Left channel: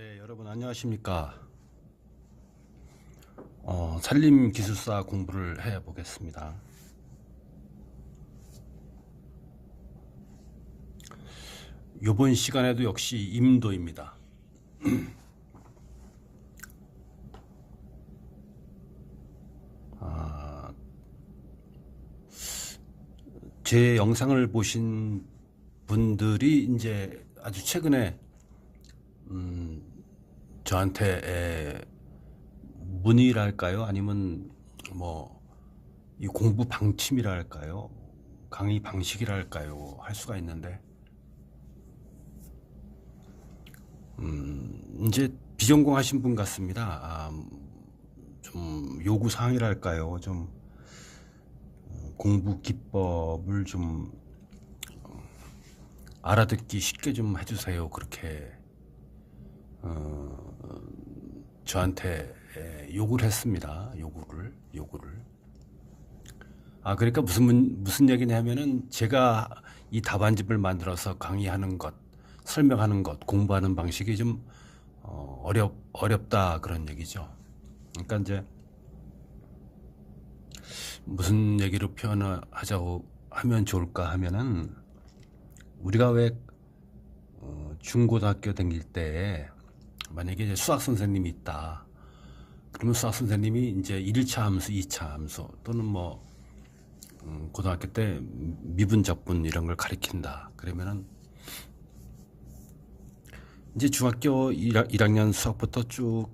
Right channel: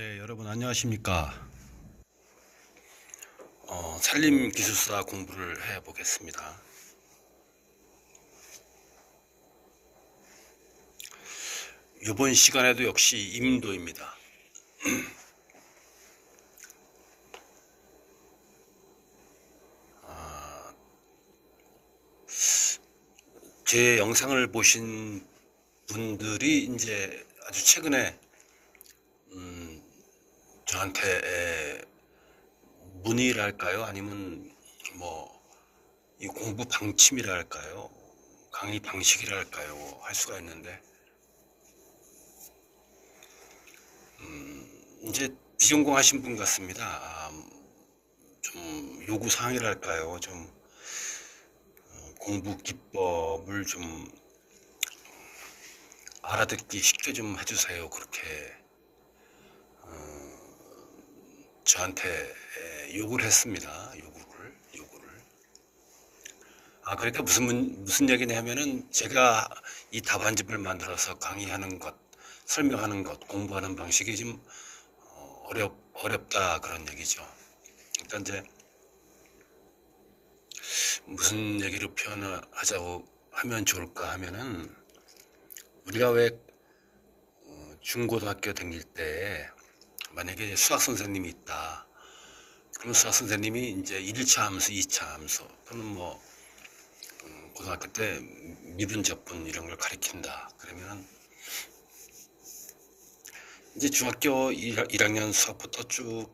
네, 여러분 안녕하십니까? 산림기술사 공부를 해 보겠습니다. 이번 시간에도 역시 임도입니다. 제 영상을 보신 분들이 이제 아주 최근에 저한테 문의랄까요? 아니면 뭐 이 공부 방침이랄까요? 강의 방식이랄까요? 할 수가 있는데 이제 비전공하신 분 같습니다. 좀 요구 사항이랄까요? 좀 공부 기법을 좀 알아듣기 쉽게 좀 해주세요. 그렇게 저한테 요구를 했습니다. 요구를. 그러니까 무슨 얘기냐면은 제가 이 답안집을 만들어서 강의하는 것, 설명하는 것, 공부하는 방식이 좀 어렵다 그런 얘기죠. 그러니까 이제 무슨 얘기로 표현을 하자고 하면 좋을까 하면은 우리가 왜 중고등학교 다닐 때 만약에 이제 수학 선생님이 있다. 그러면 수학 선생님이 이제 1차 함수, 2차 함수 또는 뭐 고등학교 때 미분, 적분 이런 걸 가리킨다. 그러면은 이제 중학교 1학년 수학부터 쭉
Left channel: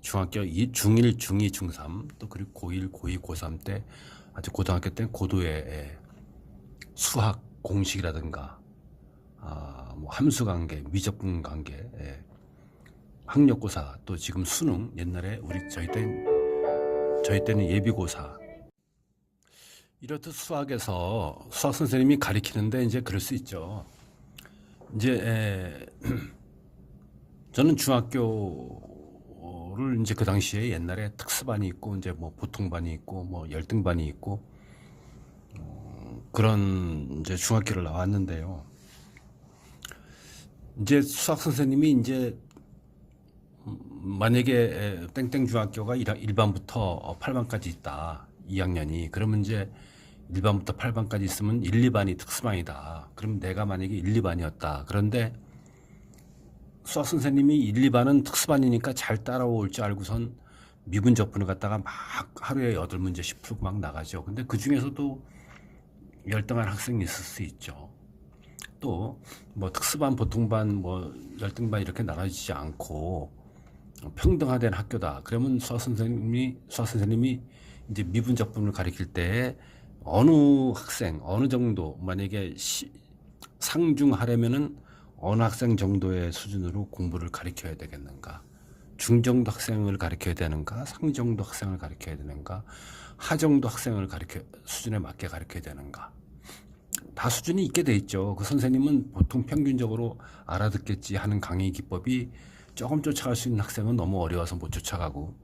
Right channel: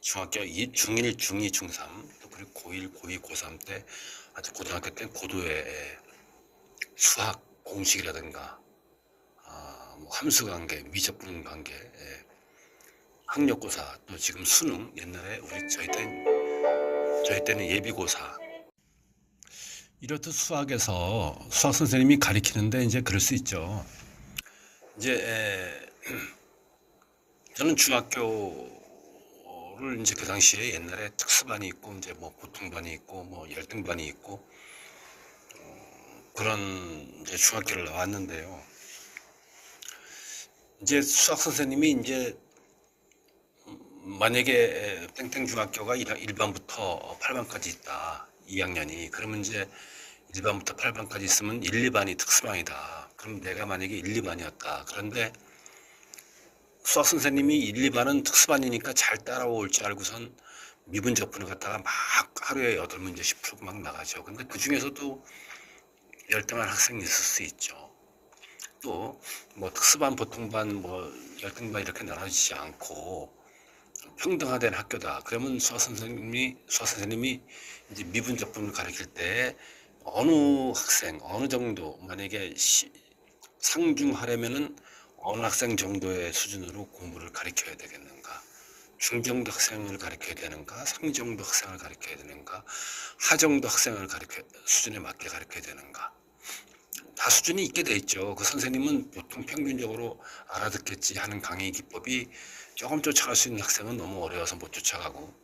중학교 중1, 중2, 중3 또 그리고 고1, 고2, 고3 때 아주 고등학교 때 고도의 수학 공식이라든가 뭐 함수 관계, 미적분 관계, 학력고사 또 지금 수능 옛날에 저희 때는 예비고사 이렇듯 수학에서 수학 선생님이 가리키는데 이제 그럴 수 있죠. 이제 저는 중학교를 이제 그 당시에 옛날에 특수반이 있고 이제 뭐 보통반이 있고 뭐 열등반이 있고 그런 이제 중학교를 나왔는데요. 이제 수학 선생님이 이제 만약에 땡땡 중학교가 1반부터 8반까지 있다. 2학년이. 그러면 이제 1반부터 8반까지 있으면 1, 2반이 특수반이다. 그럼 내가 만약에 1, 2반이었다. 그런데 수학 선생님이 1, 2반은 특수반이니까 잘 따라올 줄 알고선 미분 적분을 갖다가 막 하루에 8문제씩 풀고 막 나가죠. 근데 그 중에서도 열등한 학생이 있을 수 있죠. 또 뭐 특수반, 보통반, 뭐 열등반 이렇게 나눠지지 않고 평등화된 학교다. 그러면 수학 선생님이 이제 미분 적분을 가르칠 때 어느 학생, 어느 정도 만약에 상중하려면은 어느 학생 정도의 수준으로 공부를 가르쳐야 되겠는가? 중정도 학생을 가르쳐야 되는가? 상정도 학생을 가르쳐야 되는가? 하정도 학생을 수준에 맞게 가르쳐야 되는가? 다 수준이 있게 돼 있죠. 그 선생님은 보통 평균적으로 알아듣겠지 하는 강의 기법이 조금 쫓아갈 수 있는 학생은 너무 어려워서 못 쫓아가고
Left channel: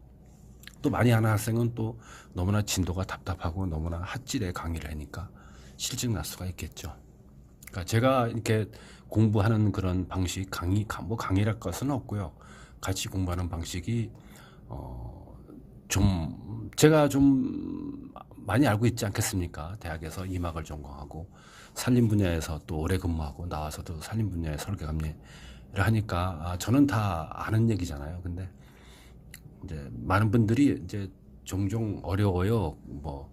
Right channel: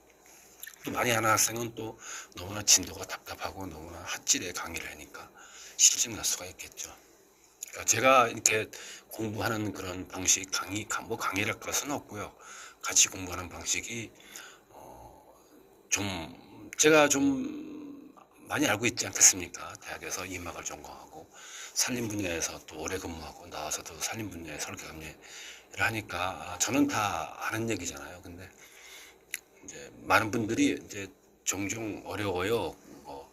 또 많이 하는 학생은 또 너무나 진도가 답답하고 너무나 핫질의 강의를 하니까 실증 날 수가 있겠죠. 그러니까 제가 이렇게 공부하는 그런 방식, 뭐 강의랄 것은 없고요. 같이 공부하는 방식이 제가 좀 많이 알고 있지 않겠습니까? 대학에서 이막을 전공하고 산림 분야에서 또 오래 근무하고 나와서도 산림 분야의 설계 감리를 하니까 저는 다 아는 얘기잖아요. 근데 이제 많은 분들이 이제 종종 어려워요. 뭐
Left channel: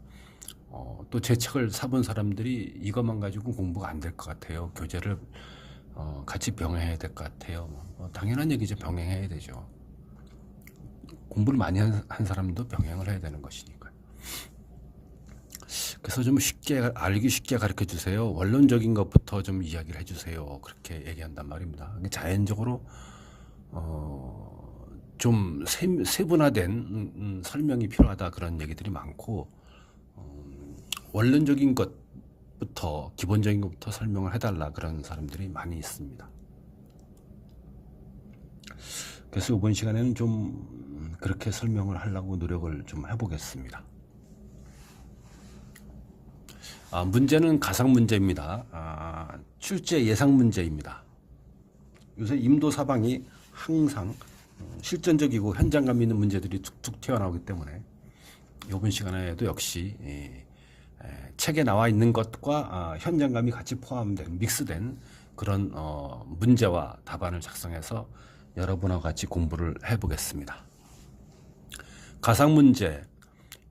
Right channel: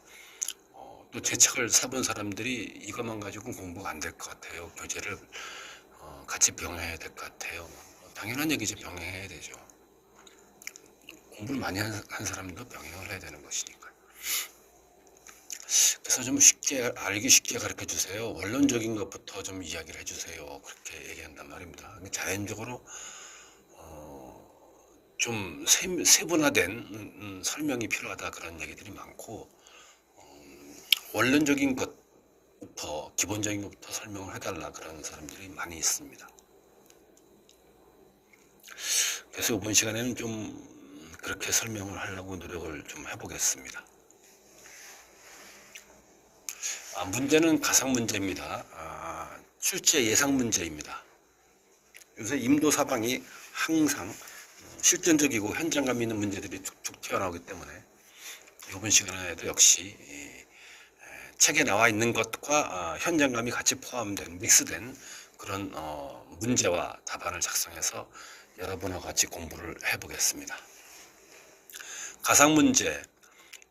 또 제 책을 사본 사람들이 이것만 가지고 공부가 안 될 것 같아요. 교재를 같이 병행해야 될 것 같아요. 당연한 얘기죠. 병행해야 되죠. 공부를 많이 한 사람도 병행을 해야 되는 것이니까요. 그래서 좀 알기 쉽게 가르쳐 주세요. 원론적인 것부터 좀 이야기를 해주세요. 그렇게 얘기한단 말입니다. 자연적으로 좀 세분화된 설명이 필요하다 그런 얘기들이 많고 원론적인 것부터 기본적인 것부터 설명을 해달라 그런 사람들이 많이 있습니다. 그래서 이번 시간에는 좀 그렇게 설명을 하려고 노력을 좀 해보겠습니다. 문제는 가상 문제입니다. 출제 예상 문제입니다. 요새 임도 사방이 항상 실전적이고 현장감 있는 문제들이 툭툭 튀어나오기 때문에 이번 시간에도 역시 책에 나와 있는 것과 현장감이 같이 포함된 믹스된 그런 문제와 답안을 작성해서 여러분과 같이 공부를 해보겠습니다. 가상문제,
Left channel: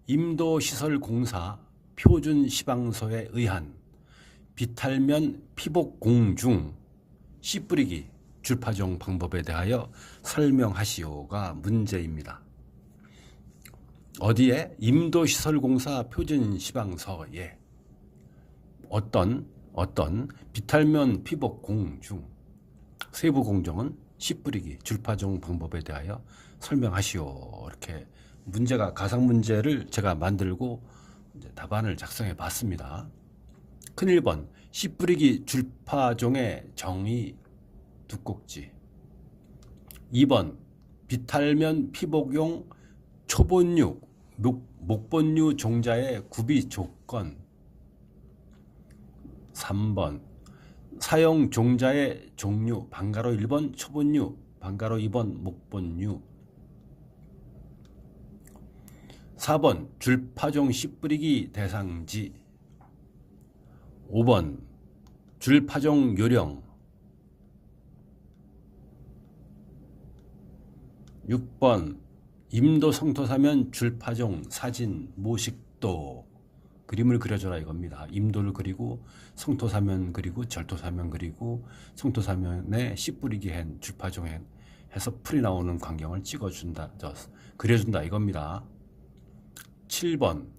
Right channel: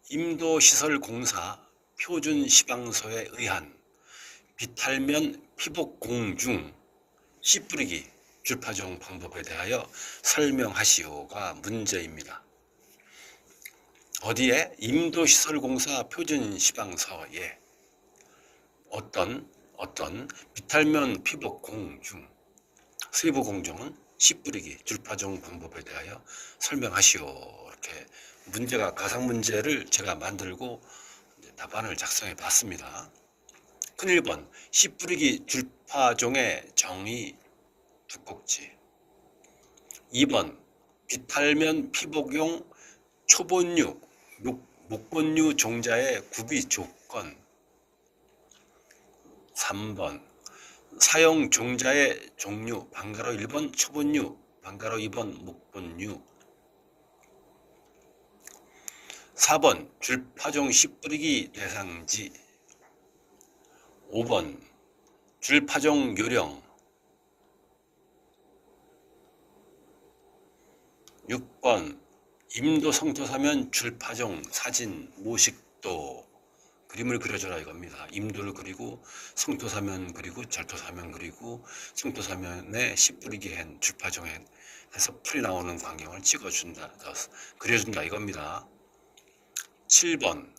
임도시설공사 표준시방서에 의한 비탈면 피복공 중 씨 뿌리기 줄파종 방법에 대하여 설명하시오가 문제입니다. 어디에? 임도시설공사 표준시방서에 어떤 비탈면 피복공 중 세부 공정은 씨 뿌리기 줄파종 방법에 대하여 설명하시오. 이렇게 문제가 가상 문제를 제가 만들고 이제 답안을 작성해 봤습니다. 큰 1번 씨 뿌리기 줄파종의 정의 두 꼭지. 2번 비탈면 피복용 초본류 목본류 종자의 구비 조건. 3번 사용 종자의 종류 방가로 1번 초본류 방가로 2번 목본류. 4번 줄파종 씨 뿌리기 대상지. 5번 줄파종 요령. 6번 임도 성토사면 줄파종 사진 모식도. 그림을 그려줘라 이겁니다. 임도를 그리고 성토사면 그리고 절토사면 그리고 성토사면에 씨 뿌리기 한 줄파종 해서 풀이 나오는 광경을 찍어준다, 그려준다 이겁니다. 7번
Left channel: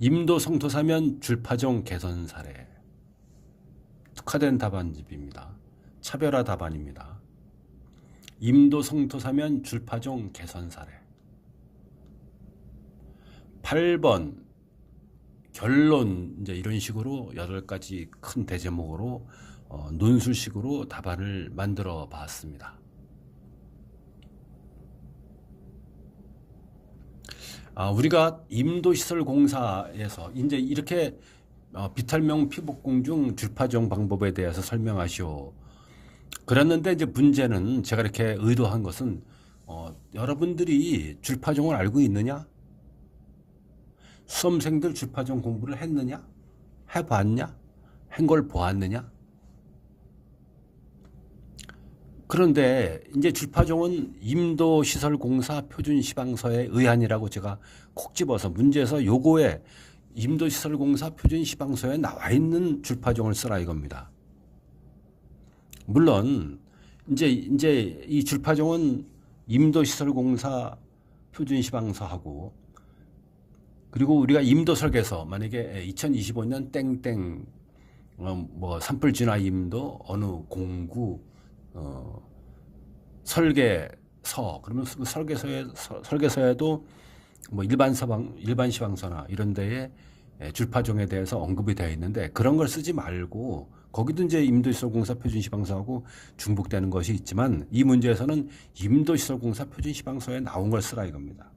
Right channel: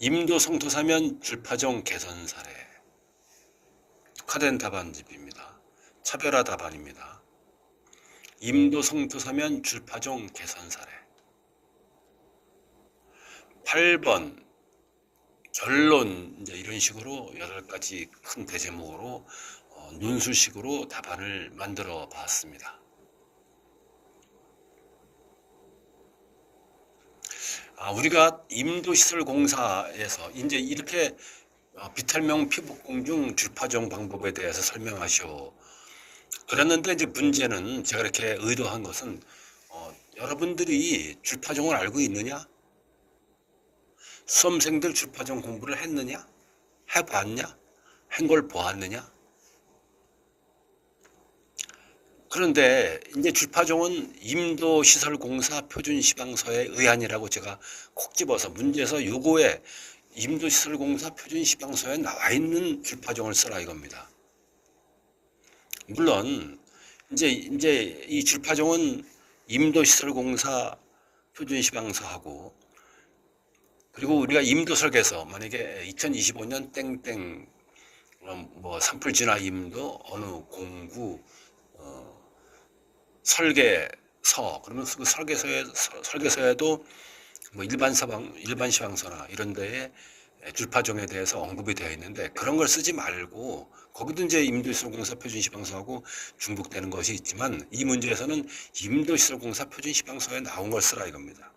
임도 성토사면 줄파종 개선 사례. 특화된 답안집입니다. 차별화 답안입니다. 임도 성토사면 줄파종 개선 사례. 8번 결론. 이제 이런 식으로 8가지 큰 대제목으로 논술식으로 답안을 만들어 봤습니다. 우리가 임도시설공사에서 이제 이렇게 비탈면 피복공 중 줄파종 방법에 대해서 설명하시오. 그랬는데 이제 문제는 제가 이렇게 의도한 것은 여러분들이 줄파종을 알고 있느냐? 수험생들 줄파종 공부를 했느냐? 해봤냐? 한 걸 보았느냐? 그런데 이제 줄파종은 임도시설공사 표준시방서에 의한이라고 제가 콕 집어서 문제에서 요거에 임도시설공사 표준시방서에 나와 있는 줄파종을 쓰라 이겁니다. 물론 이제 이 줄파종은 임도시설공사 표준시방서하고 그리고 우리가 임도설계서 만약에 2025년 땡땡 뭐 산불진화 임도 어느 공구 설계서. 그러면 그 설계서에도 뭐 일반 시방서나 이런 데에 줄파종에 대해서 언급이 되어 있는데 그런 걸 쓰지 말고 거기도 이제 임도시설공사 표준시방서하고 중복되는 것이 있지만 이 문제에서는 임도시설공사 표준시방서에 나온 걸 쓰라 이겁니다.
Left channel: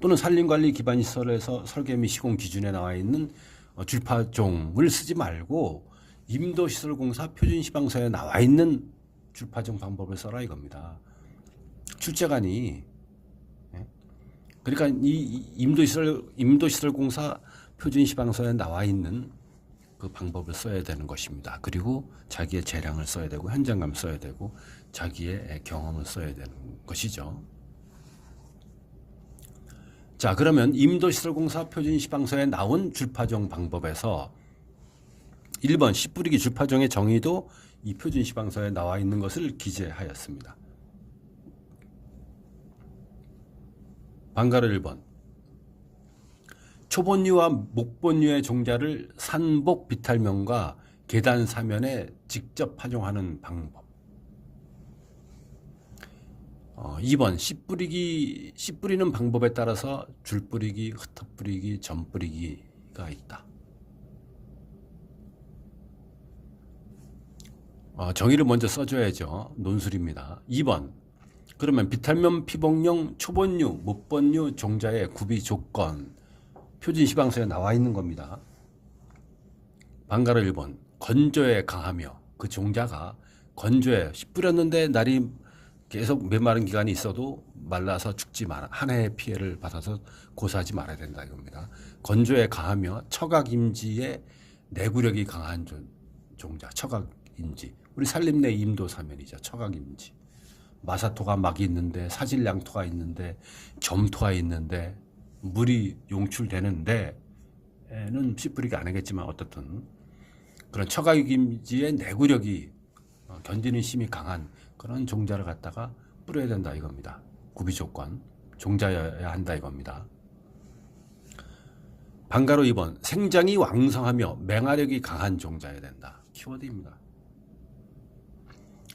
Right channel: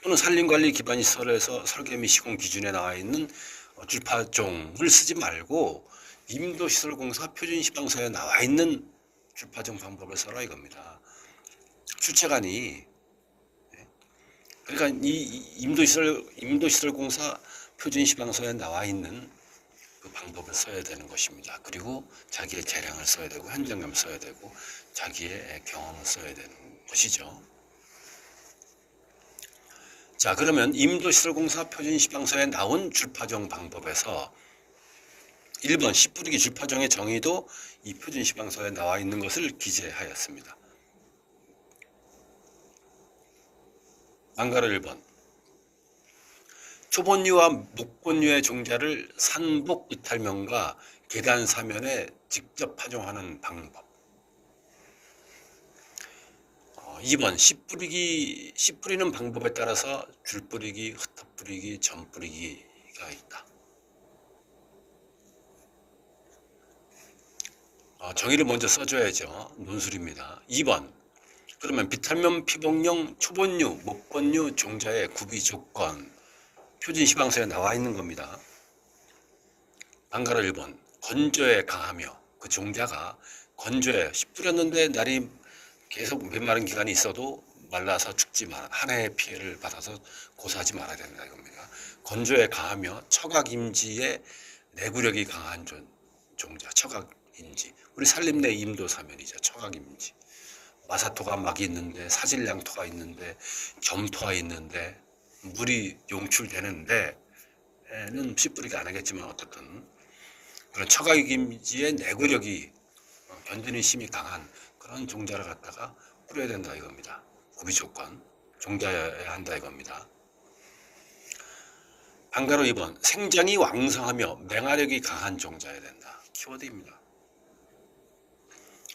또는 산림관리 기반시설에서 설계 및 시공 기준에 나와 있는 줄파종을 쓰지 말고 임도시설공사 표준시방서에 나와 있는 줄파종 방법을 써라 이겁니다. 출제관이. 그러니까 이 임도시설공사 표준시방서에 나와 있는 그 방법을 써야 되는 것입니다. 그리고 자기의 재량을 써야 되고 현장감을 써야 되고 자기의 경험을 써야 되는 것이죠. 자, 그러면 임도시설공사 표준시방서에 나온 줄파종 방법에서 1번 씨 뿌리기 줄파종의 정의도 이 표준시방서에 나와 있는 것을 기재하였습니다. 방가로 1번 초본류와 목본류의 종자를 산복 비탈면과 계단 사면에 직접 파종하는 방법. 2번 씨 뿌리는 방법에 따라서 줄 뿌리기, 흩어 뿌리기, 점 뿌리기가 있다. 정의를 먼저 써줘야죠. 논술입니다. 2번 그러면 비탈면 피복용 초본류, 목본류 종자의 구비 조건 표준시방서에 나와 있는 겁니다. 방가로 1번 건조에 강하며 그 종자가 건조에 씨 뿌렸는데 날이 계속 메마른 기간이 있어도 말라서 죽지 마라. 한 해의 피해를 받아서 고사하지 말아야 된다 이겁니다. 건조에 강하며 처각임지의 내구력이 강한 종자 처각임지. 우리 산림내 임도 사면이죠. 처각임지. 마사토가 막 있는데 사질량토가 있는데 점토가 있는데 물이 용출되는데 에는 씨 뿌리기 안 하겠지만 어떻든 그런 처각임지의 내구력이 견디는 힘이 강한 그런 종자를 갖다가 뿌려야 된다 이겁니다. 구비 조건 종자여야 한다 이겁니다. 방가로 2번 생장이 왕성하며 맹화력이 강한 종자여야 된다. 키워드입니다.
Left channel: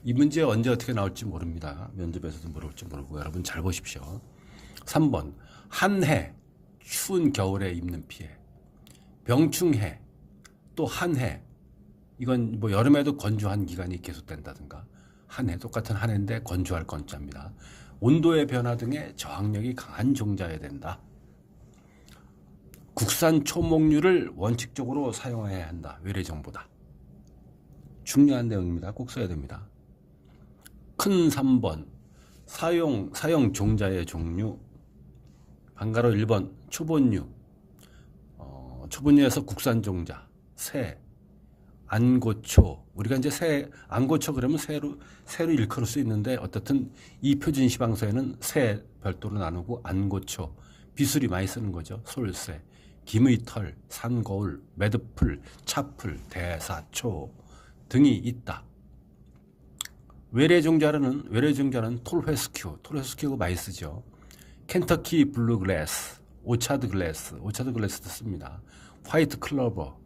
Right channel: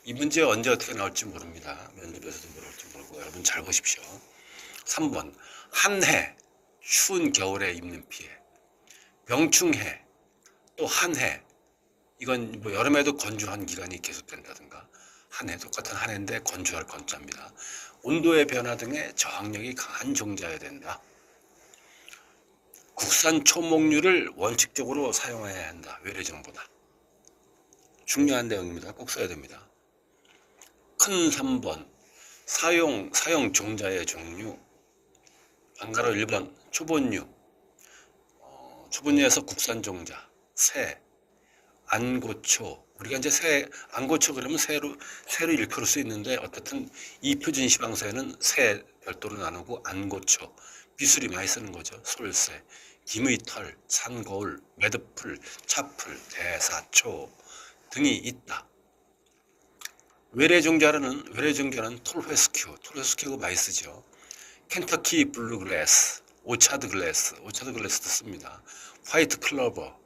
이 문제 언제 어떻게 나올지 모릅니다. 면접에서도 물어볼지 모르고 여러분 잘 보십시오. 3번 한해 추운 겨울에 입는 피해 병충해 또 한해 이건 뭐 여름에도 건조한 기간이 계속된다든가 한해 똑같은 한해인데 건조할 건자입니다. 온도의 변화 등의 저항력이 강한 종자여야 된다. 국산 초목류를 원칙적으로 사용해야 한다. 외래종보다. 중요한 내용입니다. 꼭 써야 됩니다. 큰 3번 사용 종자의 종류 방가로 1번 초본류 초본류에서 국산 종자 새 안고초 우리가 이제 새 안고초 그러면 새로 일컬을 수 있는데 어떻든 이 표준 시방서에는 새 별도로 나누고 안고초 비수리 많이 쓰는 거죠. 솔새 김의 털 산거울 매듭풀 차풀 대사초 등이 있다. 외래 종자는 톨회스큐가 많이 쓰죠. 켄터키 블루글래스 오차드 글래스도 씁니다. 화이트 클로버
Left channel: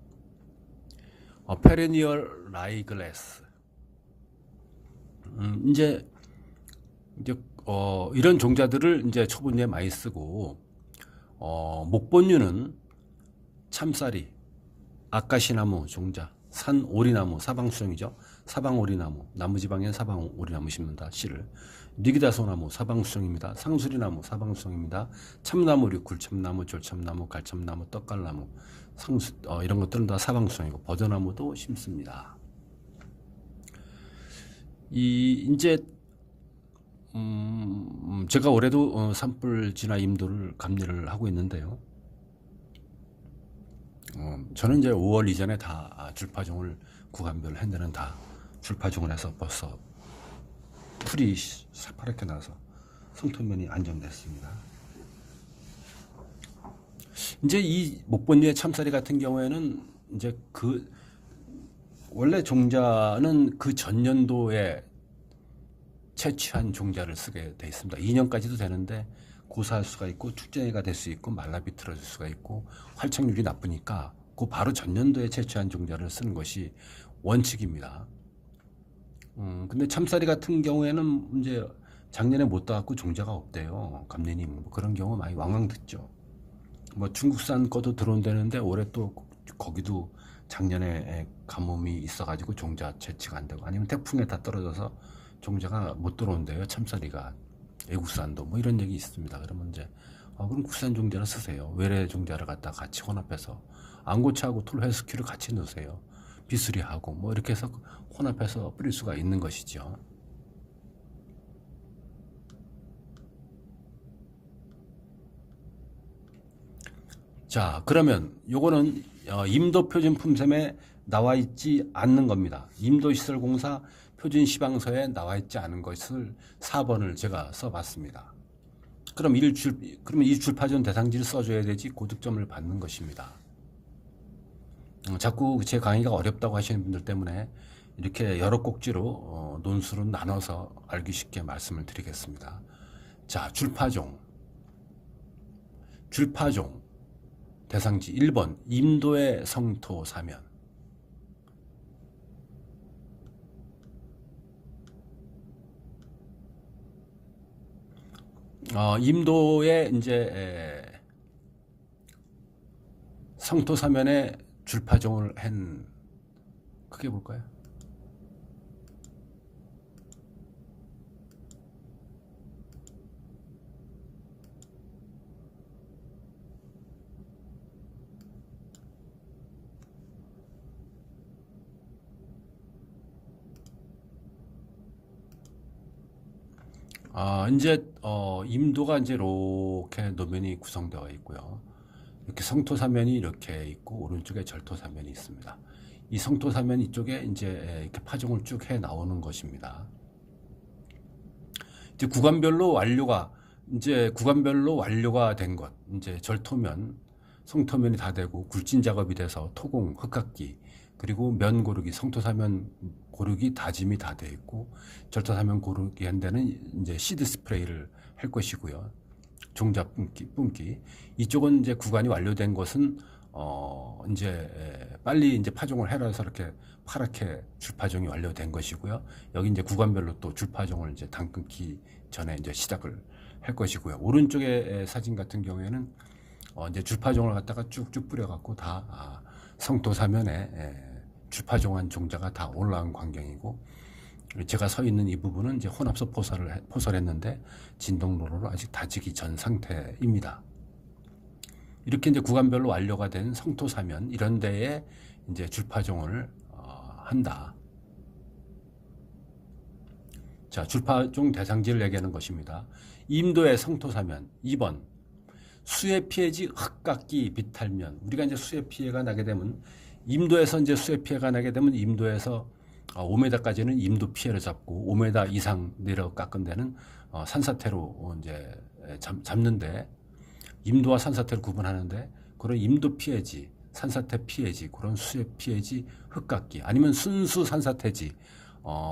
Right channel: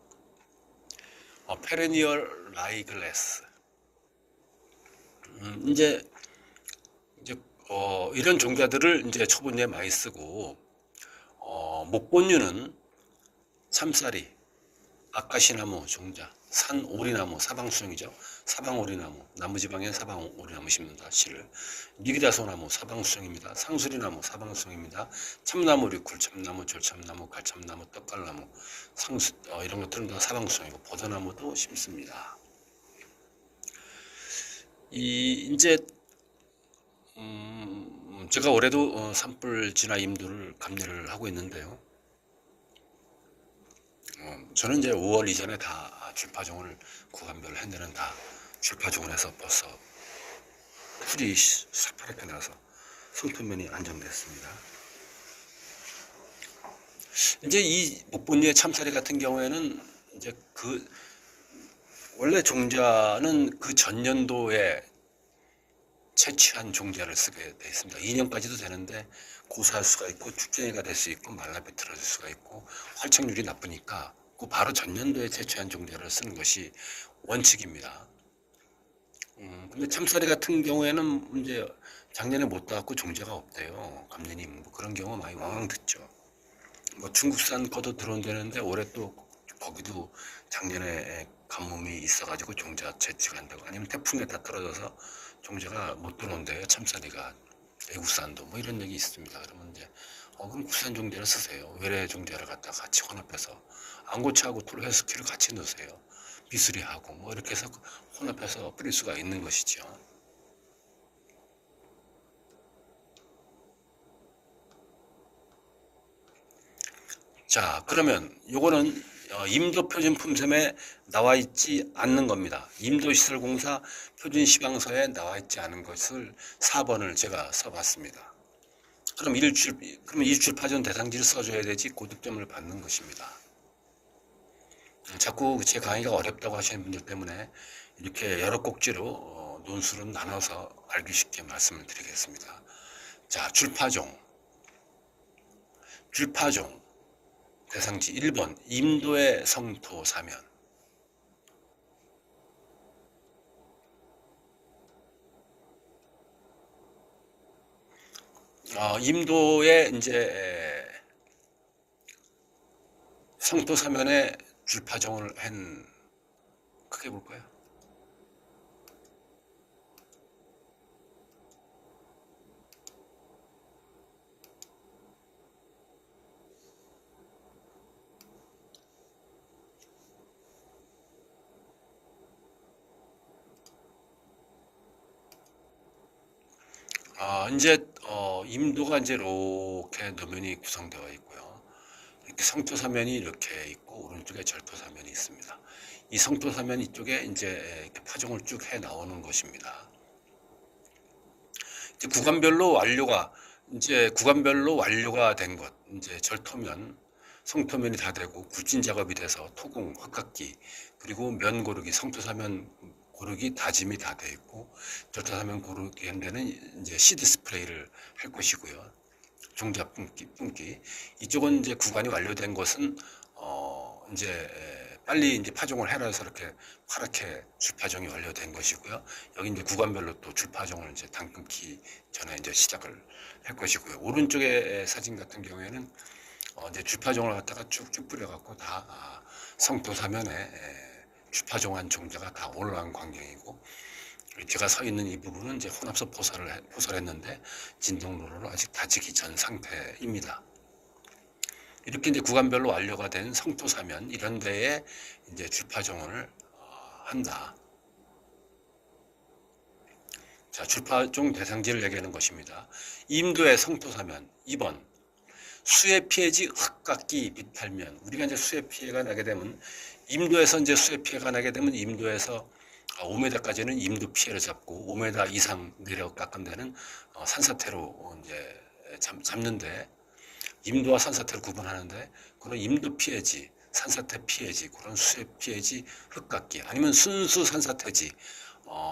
페레니얼 라이글래스 이제 이런 종자들을 이제 초본류에 많이 쓰고 목본류는 참쌀이 아카시나무 종자 산오리나무 사방수종이죠. 사방오리나무 나무지방엔 사방오리나무 심는다. 씨를 니기다소나무 사방수종입니다. 상수리나무 사방수종입니다. 참나무리 굴참나무 졸참나무 갈참나무 떡갈나무 이런 것들은 다 사방수종이고 버드나무도 심습니다. 이제 제가 올해도 산불 진화 임도를 감리를 하고 있는데요. 저는 이제 5월 이전에 다 줄파종을 구간별 핸드는 다 줄파종을 해서 벌써 풀이 새파랗게 나서 성토면이 안정됐습니다. 이제 이 목본류의 참사리 같은 경우에는 이제 원래 종자는 그 전년도에 채취한 종자를 쓰게 되어 있습니다. 2년까지도 되는데 고사할 수가 있고 축전이가 될 수 있고 말라비틀어질 수가 있고 활착률이 나쁘니까 그 바로 전년도에 채취한 종자를 쓰는 것이 원칙입니다. 근데 참사리 같은 경우에는 이제 작년에 못 따갖고 종자가 없대요. 감리님 뭐 그런 경우 많이 왕왕 듣죠. 뭐 중국산 것도 들어온다는데 올해 또 거기도 작년에 가뭄이 있어가지고 종자 채취가 안 되고 아니면 태풍에 다 떨어져서 종자가 못 들어온대요. 참사리가 외국산도 뭐 이런 얘기 있습니다. 그러면 이제 그럼 국산 종자를 쓰세요. 외래 종자를 갖다 같이 혼합해서 안고차하고 톨회스키를 같이 넣으세요. 비수리하고 뭐 이렇게 해서 혼합해서 뿌릴 수가 있는 것이죠. 자, 그러면 요거는 임도 표준 품셈에 나와 있지 않는 겁니다. 임도시설공사 표준 시방서에 나와 있지 않은 것을 4번을 제가 써봤습니다. 그러면 이 줄파전 대상지를 써줘야 되지 고득점을 받는 것입니다. 자꾸 제 강의가 어렵다고 하시는 분들 때문에 이렇게 여러 꼭지로 논술을 나눠서 알기 쉽게 말씀을 드리겠습니다. 자, 줄파종 대상지 1번 임도의 성토 사면 임도의 이제 성토 사면에 줄파종을 한 크게 볼까요? 이제 임도가 이제 이렇게 노면이 구성되어 있고요. 이렇게 성토사면이 이렇게 있고 오른쪽에 절토사면이 있습니다. 이 성토사면 이쪽에 이제 이렇게 파종을 쭉 해 나오는 것입니다. 이제 구간별로 완료가 된 것, 이제 절토면, 성토면이 다 되고 굴진 작업이 돼서 토공, 흙깎기, 그리고 면 고르기, 성토사면 고르기 다짐이 다 돼 있고 절토사면 고르기 한 데는 이제 시드 스프레이를 할 것이고요. 종자 뿜기. 이쪽은 이제 구간이 완료된 것은 이제 빨리 이제 파종을 해라 해서 이렇게 파랗게 줄파종이 완료된 것이고요. 여기 이제 구간별로 또 줄파종을 이제 당 끊기 전에 이제 시작을 할 것이고요. 오른쪽의 사진 같은 경우에는 이제 줄파종을 갖다가 쭉쭉 뿌려갖고 다 성토사면에 줄파종한 종자가 다 올라간 광경이고, 제가 서 있는 이 부분은 이제 혼합석 포설했는데 진동로로 아직 다지기 전 상태입니다. 이렇게 이제 구간별로 완료가 된 성토사면 이런 데에 이제 줄파종을 한다. 자, 줄파종 대상지를 얘기하는 것입니다. 임도의 성토사면 2번 수해 피해지 흙깎기 비탈면. 우리가 이제 수해 피해가 나게 되면 임도에서 이제 수해 피해가 나게 되면 임도에서 5m까지는 임도 피해를 잡고 5m 이상 내려 깎은 데는 산사태로 이제 잡는데, 임도와 산사태를 구분하는데 그런 임도 피해지, 산사태 피해지, 그런 수해 피해지 흙깎기, 아니면 순수 산사태지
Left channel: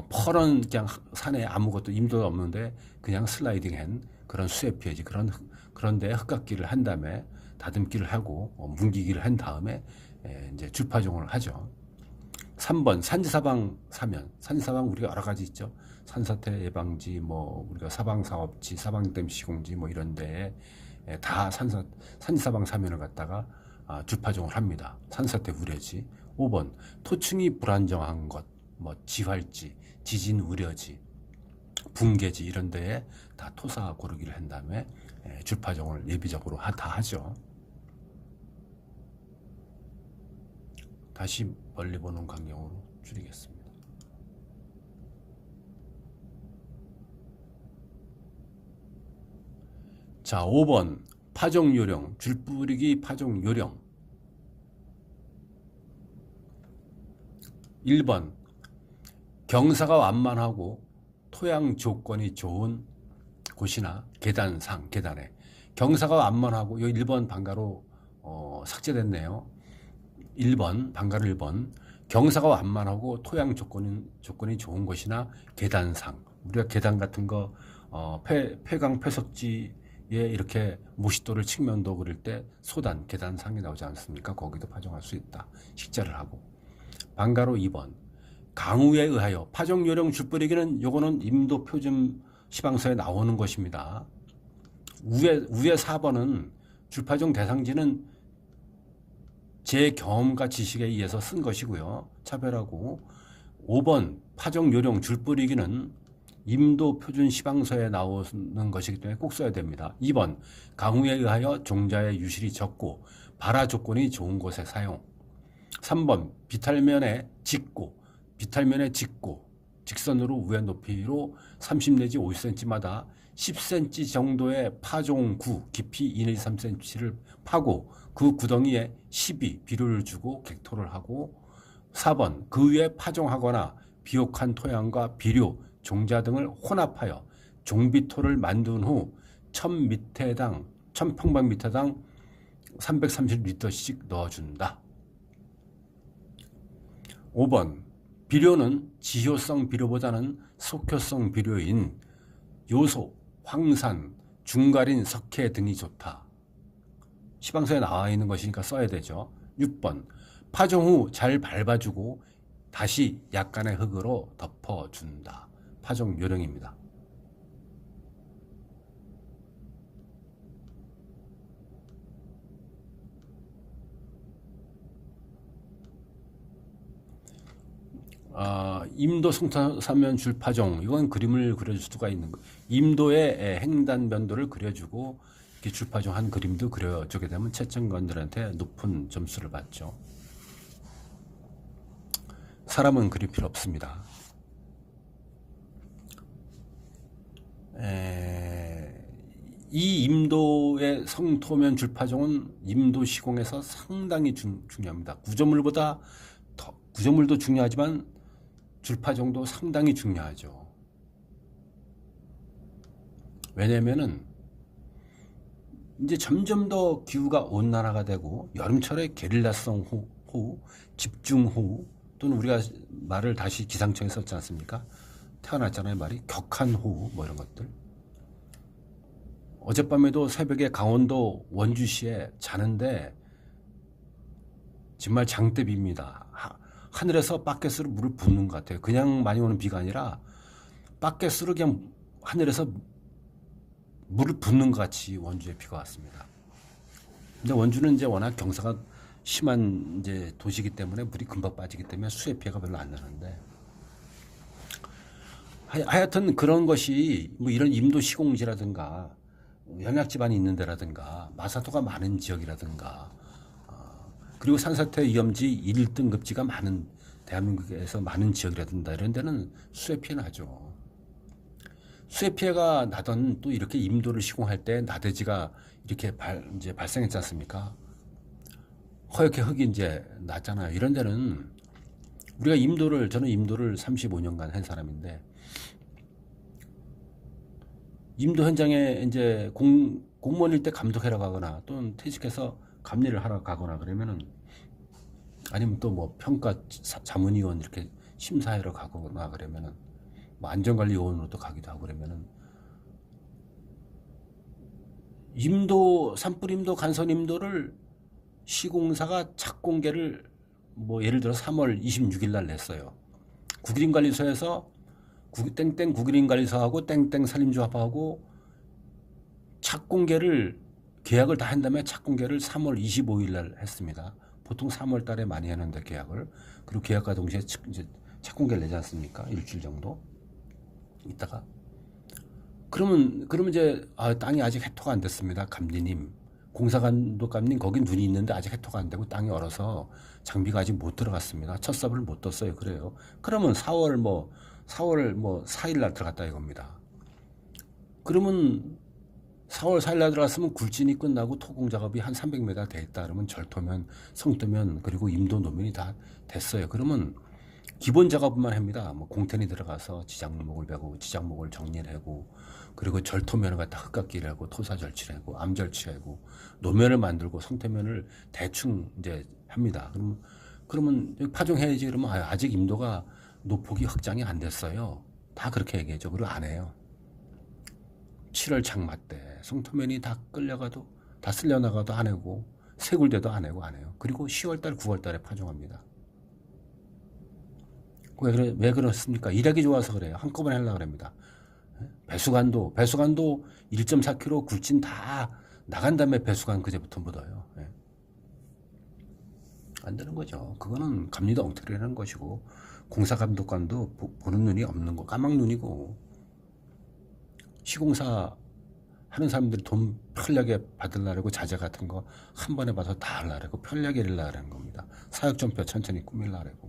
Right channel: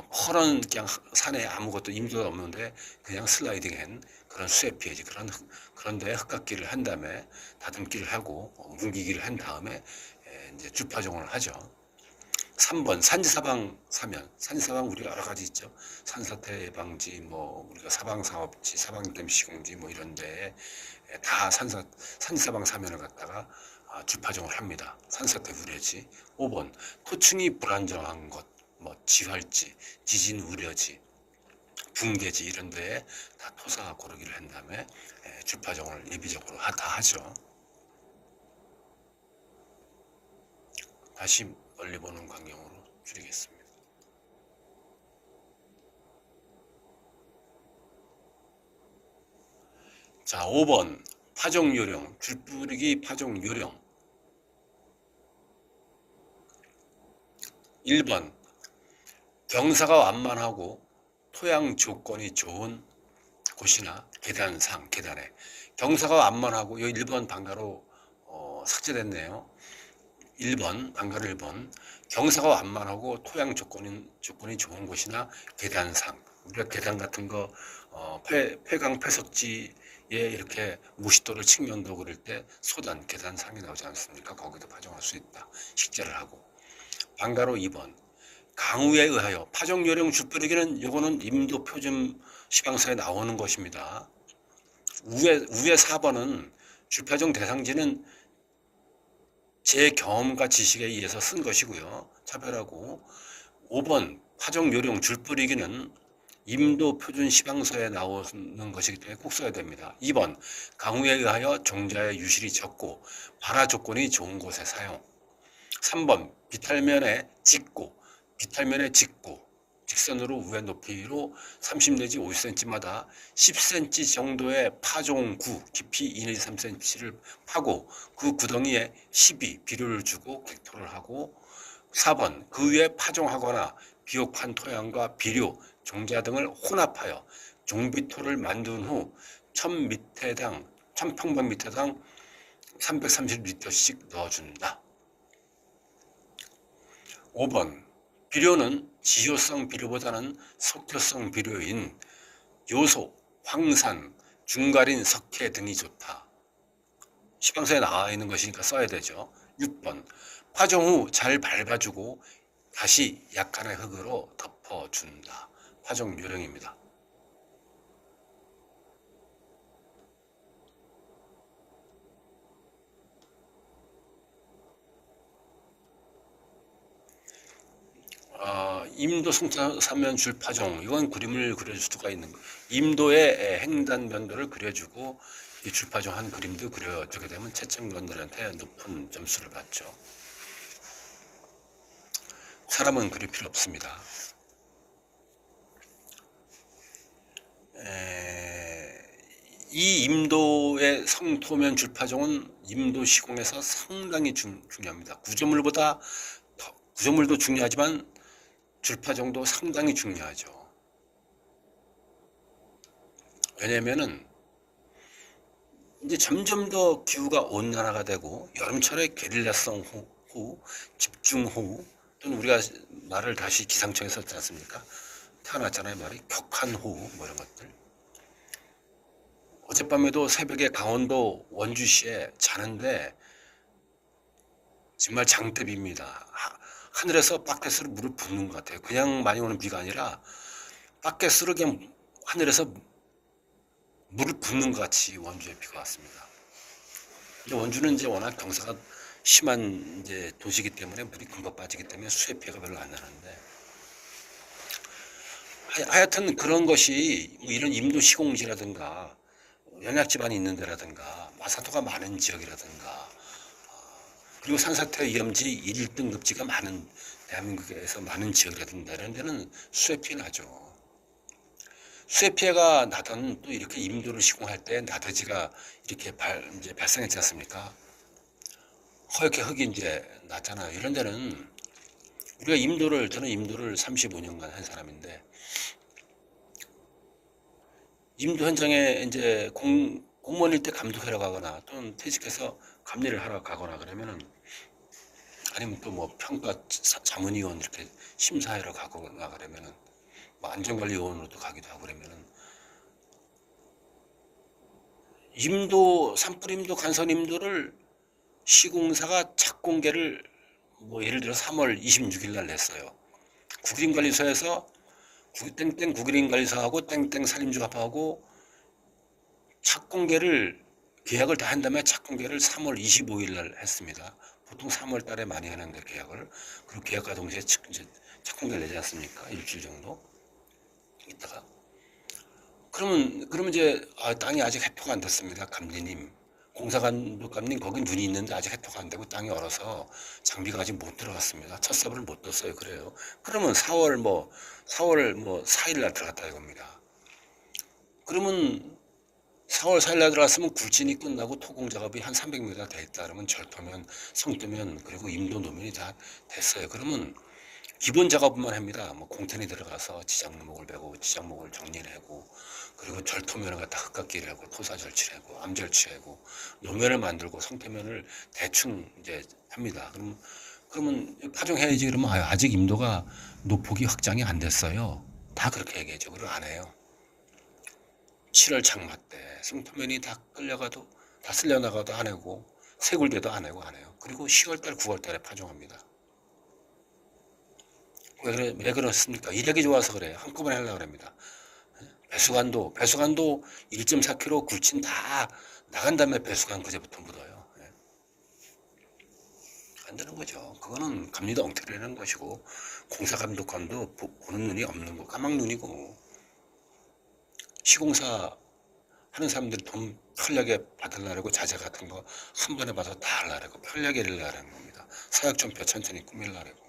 퍼런 그냥 산에 아무것도 임도가 없는데 그냥 슬라이딩한 그런 수해 피해지, 그런데 흙깎기를 한 다음에 다듬기를 하고 뭉기기를 한 다음에 이제 줄파종을 하죠. 3번 산지사방 사면. 산지사방 우리가 여러 가지 있죠. 산사태 예방지, 뭐 우리가 사방사업지, 사방댐 시공지 뭐 이런 데에 다 산지사방 사면을 갖다가 줄파종을 합니다. 산사태 우려지. 5번 토층이 불안정한 것, 뭐 지활지, 지진 우려지, 붕괴지 이런 데에 다 토사 고르기를 한 다음에 줄파종을 예비적으로 다 하죠. 다시 멀리 보는 광경으로 줄이겠습니다. 자, 5번 파종 요령, 줄 뿌리기 파종 요령. 1번 경사가 완만하고 토양 조건이 좋은 곳이나 계단에 경사가 완만하고, 여기 1번 방가로 삭제됐네요. 1번 방가로 1번 경사가 완만하고 토양 조건이 좋은 곳이나 계단상. 우리가 계단 같은 거 폐강 폐석지에 이렇게 무시도를 측면도 그릴 때 소단 계단상이 나오지 않습니까? 거기도 파종할 수 있다. 식재를 하고. 방가로 2번 강우에 의하여 파종 요령 줄뿌리기는 요거는 임도 표준 시방서에 나오는 것입니다. 우에 4번은 줄파종 대상지는 제 경험과 지식에 의해서 쓴 것이고요. 차별하고. 5번 파종 요령 줄뿌리기는 임도 표준 시방서에 나오는 것이기 때문에 꼭 써야 됩니다. 2번 강우에 의하여 종자의 유실이 적고 발화 조건이 좋은 곳에 사용. 3번 비탈면에 짚고 직선으로 우회 높이로 30 내지 50cm마다 10cm 정도의 파종구 깊이 2 내지 3cm를 파고 그 구덩이에 12 비료를 주고 객토를 하고. 4번 그 위에 파종하거나 비옥한 토양과 비료, 종자 등을 혼합하여 종비토를 만든 후 1000평방미터당 330리터씩 넣어준다. 5번 비료는 지효성 비료보다는 속효성 비료인 요소, 황산, 중가린, 석회 등이 좋다. 시방서에 나와 있는 것이니까 써야 되죠. 6번 파종 후 잘 밟아주고 다시 약간의 흙으로 덮어준다. 파종 요령입니다. 임도 성토사면 줄파종, 이건 그림을 그려줄 수가 있는 거예요. 임도의 횡단 변도를 그려주고 줄파종한 그림도 그려주게 되면 채점관들한테 높은 점수를 받죠. 사람은 그릴 필요 없습니다. 이 임도의 성토면 줄파종은 임도 시공에서 상당히 중요합니다. 구조물도 중요하지만 줄파종도 상당히 중요하죠. 왜냐면은 이제 점점 더 기후가 온난화가 되고 여름철에 게릴라성 호우, 집중호우 또는 우리가 말을 다시 기상청에 썼지 않습니까? 태어났잖아요, 말이. 격한호우 뭐 이런 것들. 어젯밤에도 새벽에 강원도 원주시에 자는데 정말 장대비입니다. 하늘에서 바켓으로 물을 붓는 것 같아요. 그냥 많이 오는 비가 아니라 바켓으로 그냥 하늘에서 물을 붓는 것 같이 원주에 비가 왔습니다. 근데 원주는 이제 워낙 경사가 심한 이제 도시이기 때문에 물이 금방 빠지기 때문에 수해 피해가 별로 안 나는데, 하여튼 그런 것이 뭐 이런 임도 시공지라든가 연약 지반이 있는 데라든가 마사토가 많은 지역이라든가 그리고 산사태 위험지 1등급지가 많은 대한민국에서 많은 지역이라든가 이런 데는 수해 피해 나죠. 수해 피해가 나던 또 이렇게 임도를 시공할 때 나대지가 이렇게 이제 발생했지 않습니까? 허옇게 흙이 이제 났잖아요. 이런 데는 우리가 저는 임도를 35년간 한 사람인데, 임도 현장에 이제 공무원일 때 감독하러 가거나 또는 퇴직해서 감리를 하러 가거나 그러면은, 아니면 또 뭐 평가 자문위원 이렇게 심사하러 가거나 그러면은, 뭐 안전관리위원으로도 가기도 하고 그러면은, 산불임도 간선임도를 시공사가 착공계를 뭐 예를 들어 3월 26일 날 냈어요. 국유림관리소에서 땡땡 국유림관리소하고 땡땡 산림조합하고 착공계를 계약을 다 한 다음에 착공계를 3월 25일 날 했습니다. 보통 3월 달에 많이 하는데 계약을. 그리고 계약과 동시에 이제 착공계를 내지 않습니까? 일주일 정도 있다가. 그러면 이제 땅이 아직 해토가 안 됐습니다. 감리님. 공사감독감님 거기 눈이 있는데 아직 해토가 안 되고 땅이 얼어서 장비가 아직 못 들어갔습니다. 첫 삽을 못 떴어요. 그래요. 그러면 4월 4일 날 들어갔다 이겁니다. 그러면 4월 4일 날 들어갔으면 굴진이 끝나고 토공 작업이 한 300m 돼 있다. 그러면 절토면, 성토면 그리고 임도 노면이 다 됐어요. 그러면 기본 작업만 합니다. 뭐 공텐이 들어가서 지장목을 베고 지장목을 정리를 하고, 그리고 절토면을 갖다 흙깎이를 하고 토사 절치를 하고 암 절치하고 노면을 만들고 성토면을 대충 이제 합니다. 그러면 파종해야지. 그러면 아직 임도가 노폭이 확장이 안 됐어요. 다 그렇게 얘기하죠. 그리고 안 해요. 7월 장마 때 성토면이 다 끌려가도 다 쓸려나가도 안 하고 새굴대도 안 하고 안 해요. 그리고 10월달 9월달에 파종합니다. 왜 그렇습니까? 일하기 좋아서 그래요. 한꺼번에 하려고 합니다. 배수관도 1.4km 굴진 다 나간 다음에 배수관 그제부터 묻어요. 안 되는 거죠. 그거는 감리도 엉터리라는 것이고, 공사감독관도 보는 눈이 없는 거, 까막눈이고, 시공사 하는 사람들이 돈 편하게 받으려고 자재 같은 거 한 번에 봐서 다 하려고 편하게 일하려는 겁니다. 사역전표 천천히 꾸밀려고.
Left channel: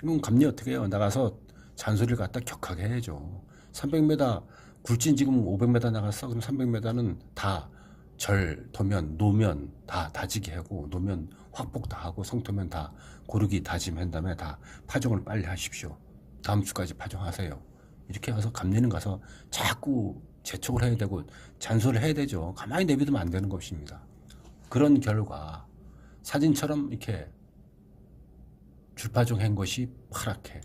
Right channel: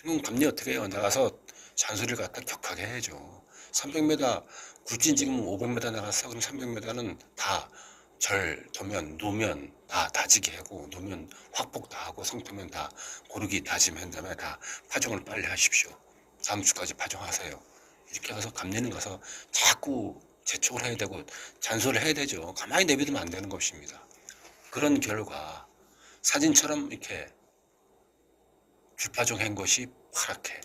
그럼 감리 어떻게 해요? 나가서 잔소리를 갖다 격하게 해야죠. 300m, 굴진 지금 500m 나갔어. 그럼 300m는 다 도면, 노면 다 다지게 하고, 노면 확복 다 하고, 성토면 다 고르기 다짐한 다음에 다 파종을 빨리 하십시오. 다음 주까지 파종하세요. 이렇게 가서 감리는 가서 자꾸 재촉을 해야 되고 잔소리를 해야 되죠. 가만히 내비두면 안 되는 것입니다. 그런 결과 사진처럼 이렇게 줄파종 한 것이 파랗게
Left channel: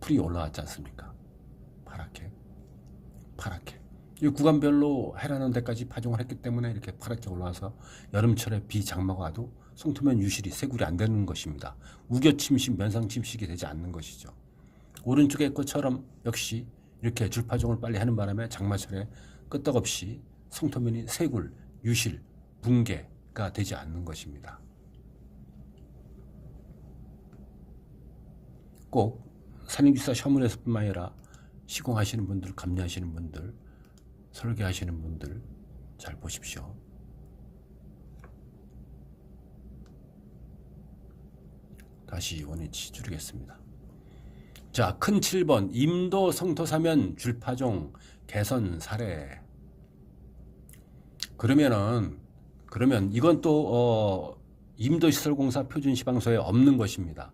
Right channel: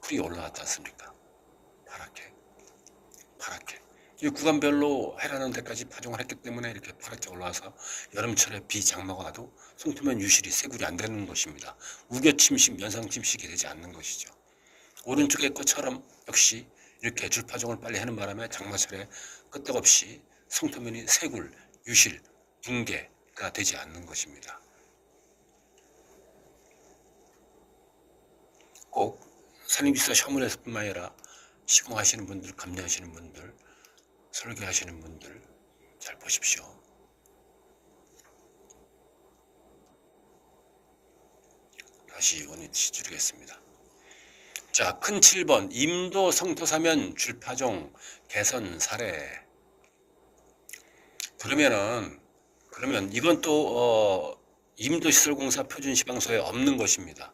풀이 올라왔지 않습니까? 파랗게 이 구간별로 해라는 데까지 파종을 했기 때문에 이렇게 파랗게 올라와서 여름철에 비 장마가 와도 송토면 유실이 새굴이 안 되는 것입니다. 우겨침식, 면상침식이 되지 않는 것이죠. 오른쪽의 것처럼 역시 이렇게 줄파종을 빨리 하는 바람에 장마철에 끄떡없이 성토면이 새굴, 유실, 붕괴가 되지 않는 것입니다. 꼭 산림지사 시험원에서뿐만 아니라 시공하시는 분들, 감리하시는 분들, 설계하시는 분들 잘 보십시오. 다시 원위치 줄이겠습니다. 자, 큰 7번 임도 성토사면 줄파종 개선 사례. 그러면 이건 또 임도시설공사 표준시방서에 없는 것입니다.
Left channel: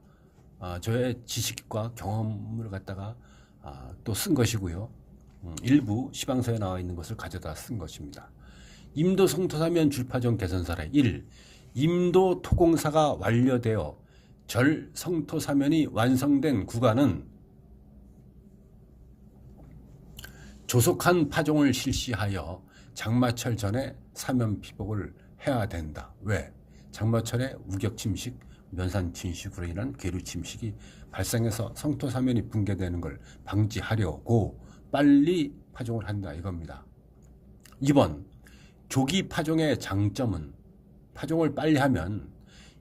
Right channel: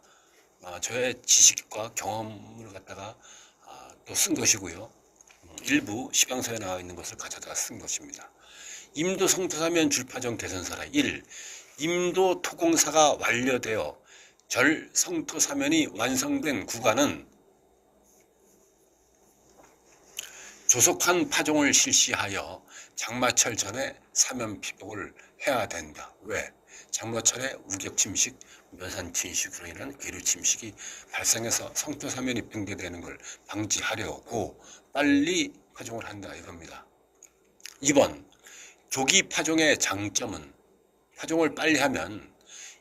저의 지식과 경험을 갖다가 또 쓴 것이고요. 일부 시방서에 나와 있는 것을 가져다 쓴 것입니다. 임도 성토사면 줄파종 개선 사례 1. 임도 토공사가 완료되어 절 성토사면이 완성된 구간은 조속한 파종을 실시하여 장마철 전에 사면 피복을 해야 된다. 왜? 장마철에 우격 침식, 면산 침식으로 인한 괴류 침식이 발생해서 성토사면이 붕괴되는 걸 방지하려고 빨리 파종을 한다 이겁니다. 2번 조기 파종의 장점은 파종을 빨리 하면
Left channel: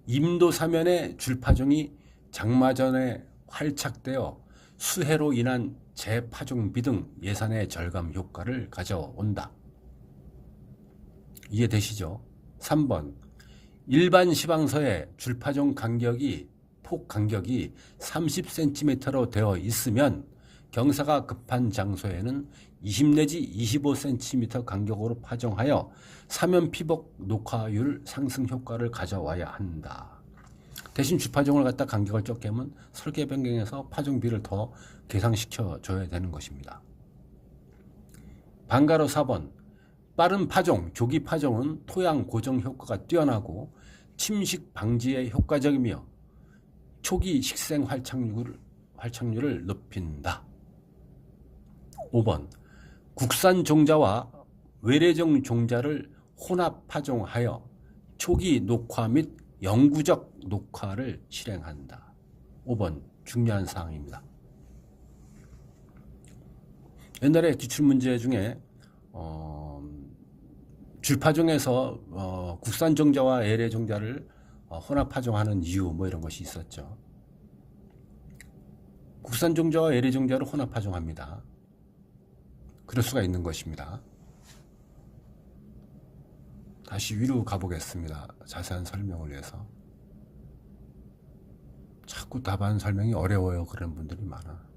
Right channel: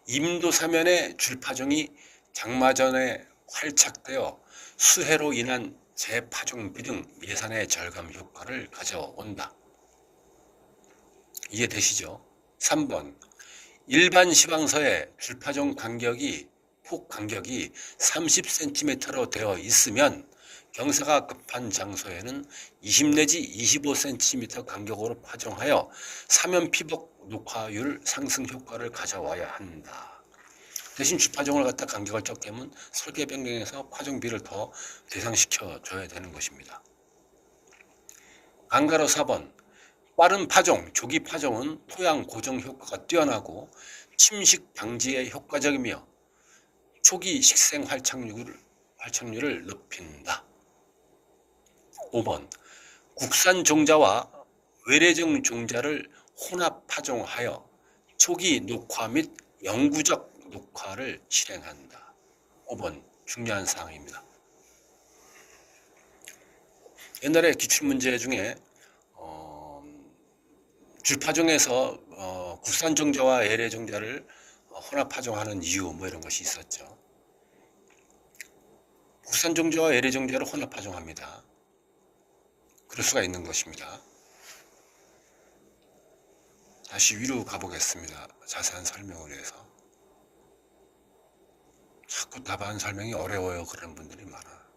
임도사면의 줄파종이 장마 전에 활착되어 수해로 인한 재파종비 등 예산의 절감 효과를 가져온다. 이해되시죠? 3번 일반 시방서에 줄파종 간격이 폭 간격이 30cm로 되어 있으면 경사가 급한 장소에는 20 내지 25cm 간격으로 파종하여 사면 피복 녹화율 상승 효과를 가져와야 한다. 대신 줄파종을 갖다 간격을 적게 하면 설계 변경해서 파종비를 더 계상시켜 줘야 되는 것입니다. 반가로 4번 빠른 파종, 조기 파종은 토양 고정 효과가 뛰어나고 침식 방지에 효과적이며 초기 식생 활착률을 높인다. 5번 국산 종자와 외래종 종자를 혼합 파종하여 초기 녹화 및 영구적 녹화를 실행한다. 5번 중요한 사항입니다. 옛날에 기출문제 중에 줄파종에서 국산 종자와 외래 종자를 혼합 파종하는 이유 뭐 이런 것이 있었죠. 국산 종자와 외래 종자를 혼합 파종합니다. 그럴 수가 있는 것입니다. 다시 위로 가보겠습니다. 자세한 설명을 위해서. 자꾸 답안 설명이 어려워요. 그런 분들이 많아.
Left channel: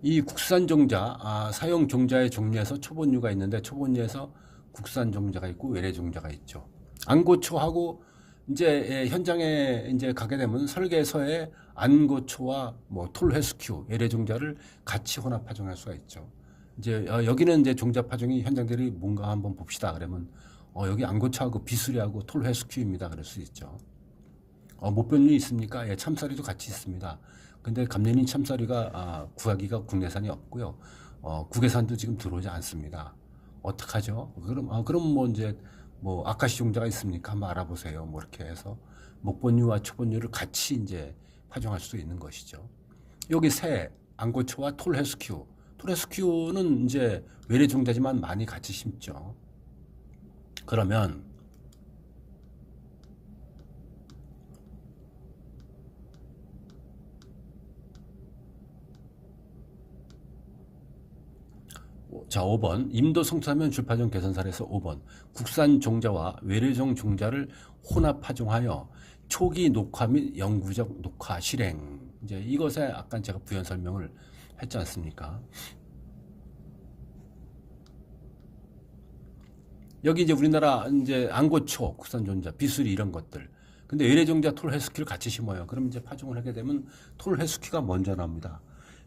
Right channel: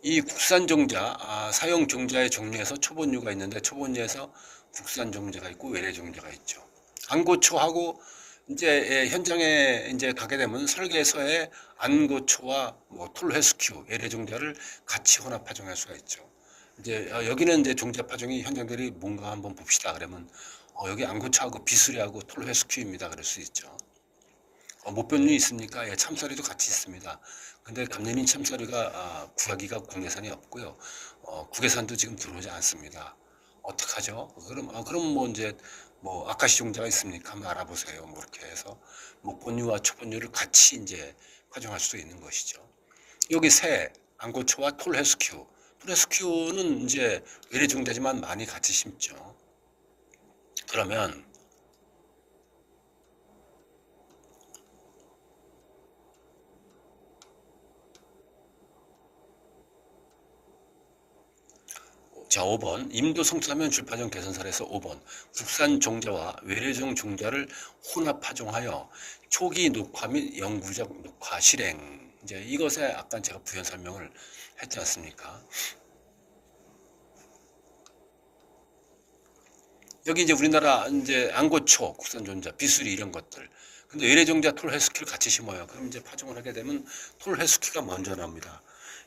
이 국산 종자, 사용 종자의 종류에서 초본류가 있는데 초본류에서 국산 종자가 있고 외래 종자가 있죠. 안고초하고 이제 현장에 이제 가게 되면 설계서에 안고초와 뭐 톨회스큐 외래 종자를 같이 혼합 파종할 수가 있죠. 이제 여기는 이제 종자 파종이 현장들이 뭔가 한번 봅시다. 그러면 여기 안고초하고 비수리하고 톨회스큐입니다. 그럴 수 있죠. 모병류 있습니까? 예, 참사리도 같이 있습니다. 근데 감년인 참사리가 구하기가 국내산이 없고요. 국외산도 지금 들어오지 않습니다. 어떡하죠? 그럼 뭐 이제 뭐 아카시 종자가 있습니까? 한번 알아보세요. 뭐 이렇게 해서 목본류와 초본류를 같이 이제 파종할 수도 있는 것이죠. 여기 새 안고초와 톨헤스큐. 톨헤스큐는 이제 외래 종자지만 많이 같이 심죠. 그러면 자, 5번 임도 성토사면 줄파종 개선 사례에서 5번 국산 종자와 외래종 종자를 혼합 파종하여 초기 녹화 및 영구적 녹화 실행. 이제 이것에 아까 제가 부연 설명을 했지 않습니까? 여기 이제 우리나라 이제 안고초 국산 종자, 비수리 이런 것들. 근데 외래 종자 톨헤스큐를 같이 심어요. 그럼 이제 파종을 하게 되면 톨헤스큐가 먼저 나옵니다.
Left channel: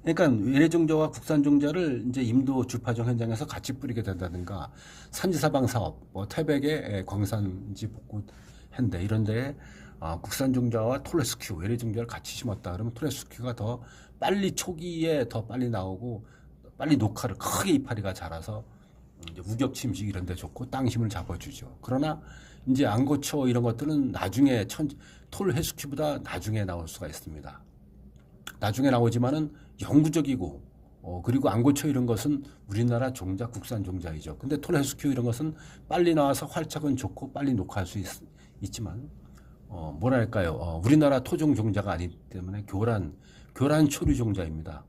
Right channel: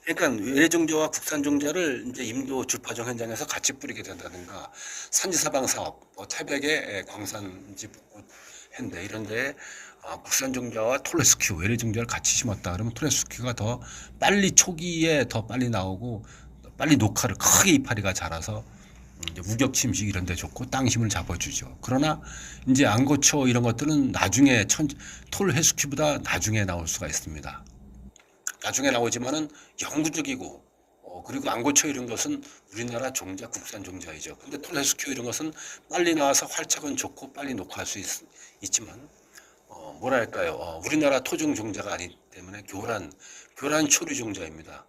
그러니까 외래 종자와 국산 종자를 이제 임도 줄파종 현장에서 같이 뿌리게 된다든가 산지사방 사업, 뭐 태백의 광산지 복구 현대 이런 데에 국산 종자와 톨레스큐 외래 종자를 같이 심었다 그러면 톨레스큐가 더 빨리 초기에 더 빨리 나오고 빨리 녹화를 크게 이파리가 자라서 이제 우격 침식 이런 데 좋고 땅 힘을 잡아주죠. 그러나 이제 안고초 이런 것들은 나중에 톨레스큐보다 나중에 나올 수가 있습니다. 나중에 나오지만은 영구적이고 그리고 안고초 이런 것은 우리나라 종자 국산 종자이죠. 근데 톨헤스큐 이런 것은 빨리 나와서 활착은 좋고 빨리 녹화할 수 있지만 뭐랄까요? 우리나라 토종 종자가 아니기 때문에 교란 초류 종자입니다.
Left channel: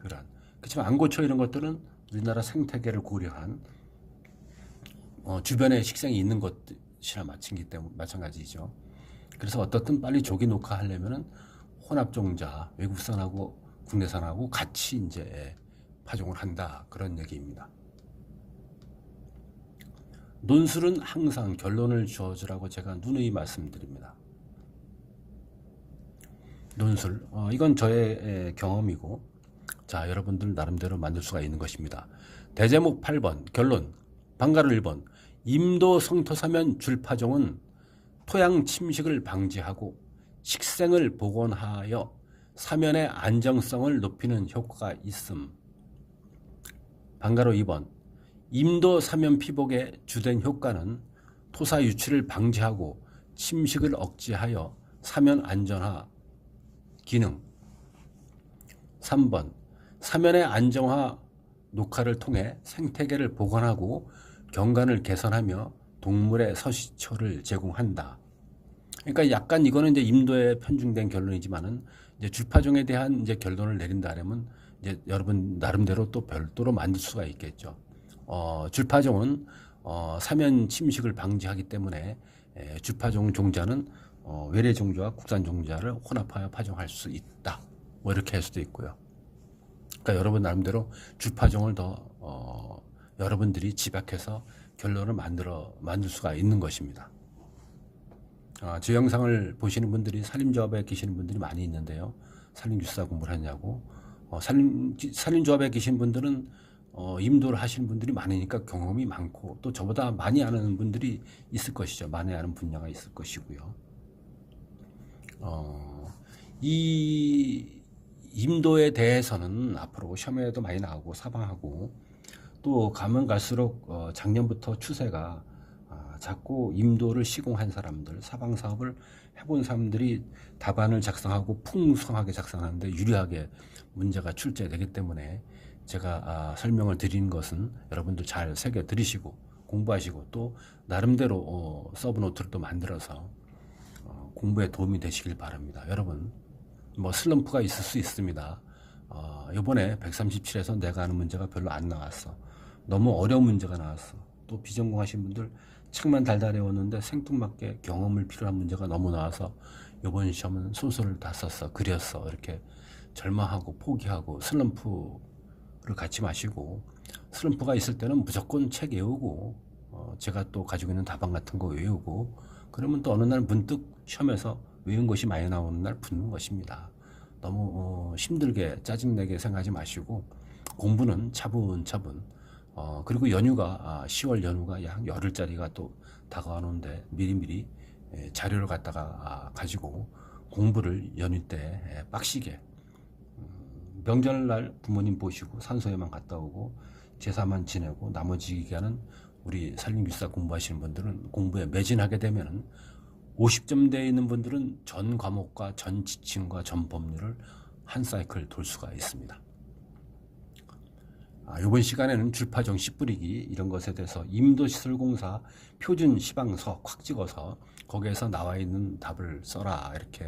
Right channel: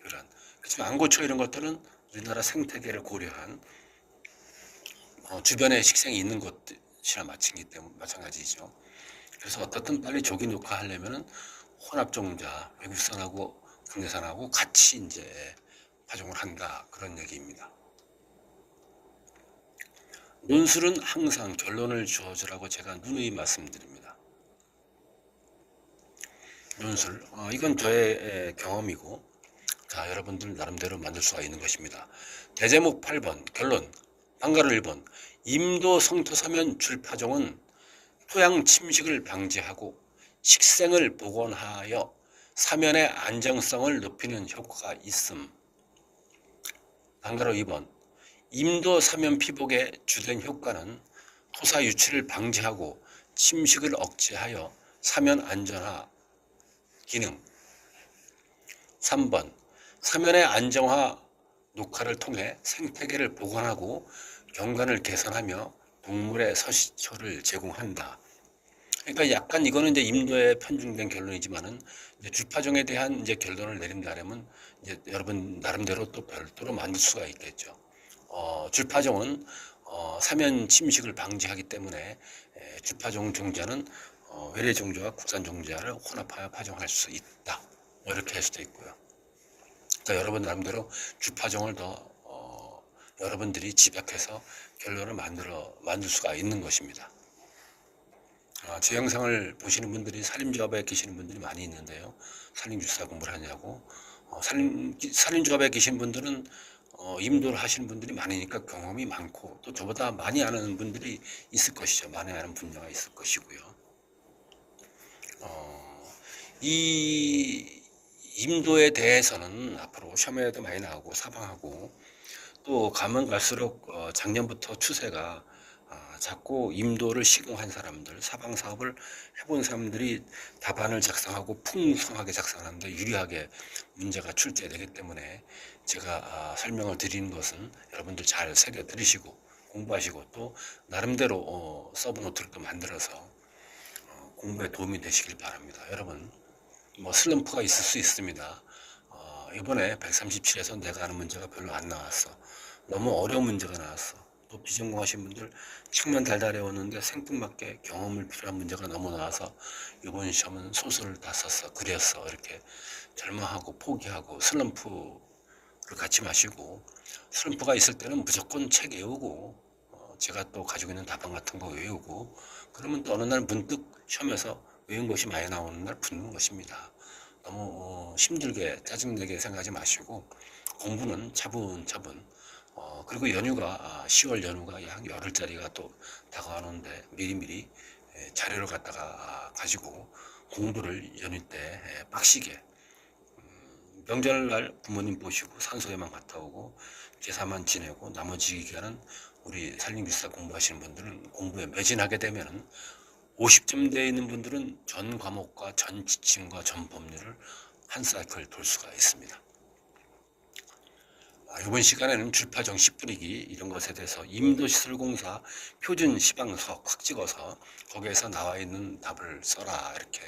교란. 그렇지만 안고초 이런 것들은 우리나라 생태계를 고려한 주변에 식생이 있는 것이랑 마찬가지죠. 그래서 어떻든 빨리 조기 녹화하려면은 혼합종자 외국산하고 국내산하고 같이 이제 파종을 한다, 그런 얘기입니다. 논술은 항상 결론을 주어주라고 제가 누누이 말씀드립니다. 논술, 이건 저의 경험이고, 자, 여러분들 나름대로 만들 수가 있는 것입니다. 대제목 8번 결론, 방가루 1번 임도 성토사면 줄파종은 토양 침식을 방지하고 식생을 복원하여 사면의 안정성을 높이는 효과가 있음. 방가루 2번 임도 사면 피복의 주된 효과는 토사 유출을 방지하고 침식을 억제하여 사면 안전화 기능. 3번 사면의 안정화 녹화를 통해 생태계를 복원하고 경관을 개선하며 동물의 서식처를 제공한다. 그러니까 약간 이거는 이제 임도에 편중된 결론이지만은 이제 줄파종에 대한 이제 결론을 내린다면 이제 여러분 나름대로 또 별도로 만들 수가 있겠죠. 줄파종은 사면 침식을 방지하기 때문에 줄파종 종자는 외래 종자와 국산 종자를 혼합하여 파종할 수 있다. 뭐 이렇게 할 수도 있고요. 그러니까 여러분 나름대로 줄파종을 더 여러분들이 집약해서 결론을 만들 수가 있는 것입니다. 제 영상을 보시는 분들이 산림조합에 계시는 분들이 많이 있는데요. 산림주사 공부를 하냐고. 산림조합에 계신 분들은 임도를 하시는 분들이 많으니까 경험이 많고 또 저보다 많이 아는 분들이 있을 것이죠. 많이 아는 분야가 있을 것이고요. 이 임도에 대해서는 앞으로 시험에도 많이 나오고 사방하고 또 가면 갈수록 작년부터 추세가 자꾸 임도를 시공한 사람들, 사방 사업을 해본 사람들이 답안을 작성하고 풍성하게 작성하는데 유리하게 문제가 출제되기 때문에 제가 설명을 드리는 것은 여러분들 잘 새겨 들으시고 공부하시고 또 나름대로 서브노트를 또 만들어서 공부에 도움이 되시길 바랍니다. 여러분 뭐 슬럼프가 있을 수 있습니다. 이번에 137에서 내가 하는 문제가 별로 안 나왔어. 너무 어려운 문제가 나왔어. 또 비전공하신 분들 책만 달달해왔는데 생뚱맞게 경험을 필요한 문제가 너무 나와서 이번 시험은 소설을 다 썼어, 그렸어, 이렇게 절망하고 포기하고 슬럼프를 갖지 마시고, 슬럼프가 있을 때는 무조건 책 외우고 제가 또 가지고 있는 답안 같은 거 외우고 그러면 또 어느 날 문득 시험에서 외운 것이 많이 나오는 날 붙는 것입니다. 너무 힘들게 짜증내게 생각하지 마시고 공부는 차분차분. 그리고 연휴가 10월 연휴가 약 열흘짜리가 또 다가오는데 미리미리 자료를 갖다가 가지고 공부를 연휴 때 빡시게, 명절날 부모님 보시고 산소에만 갔다 오고 제사만 지내고 나머지 기간은 우리 산림기사 공부하시는 분들은 공부에 매진하게 되면은 50점대에 있는 분들은 전 과목과 전 지침과 전 법률을 한 사이클 돌 수가 있습니다. 이번 시간에는 줄파종 씨 뿌리기 이런 것에 대해서 임도시설공사 표준 시방석 확 찍어서 거기에서 나와 있는 답을 써라 이렇게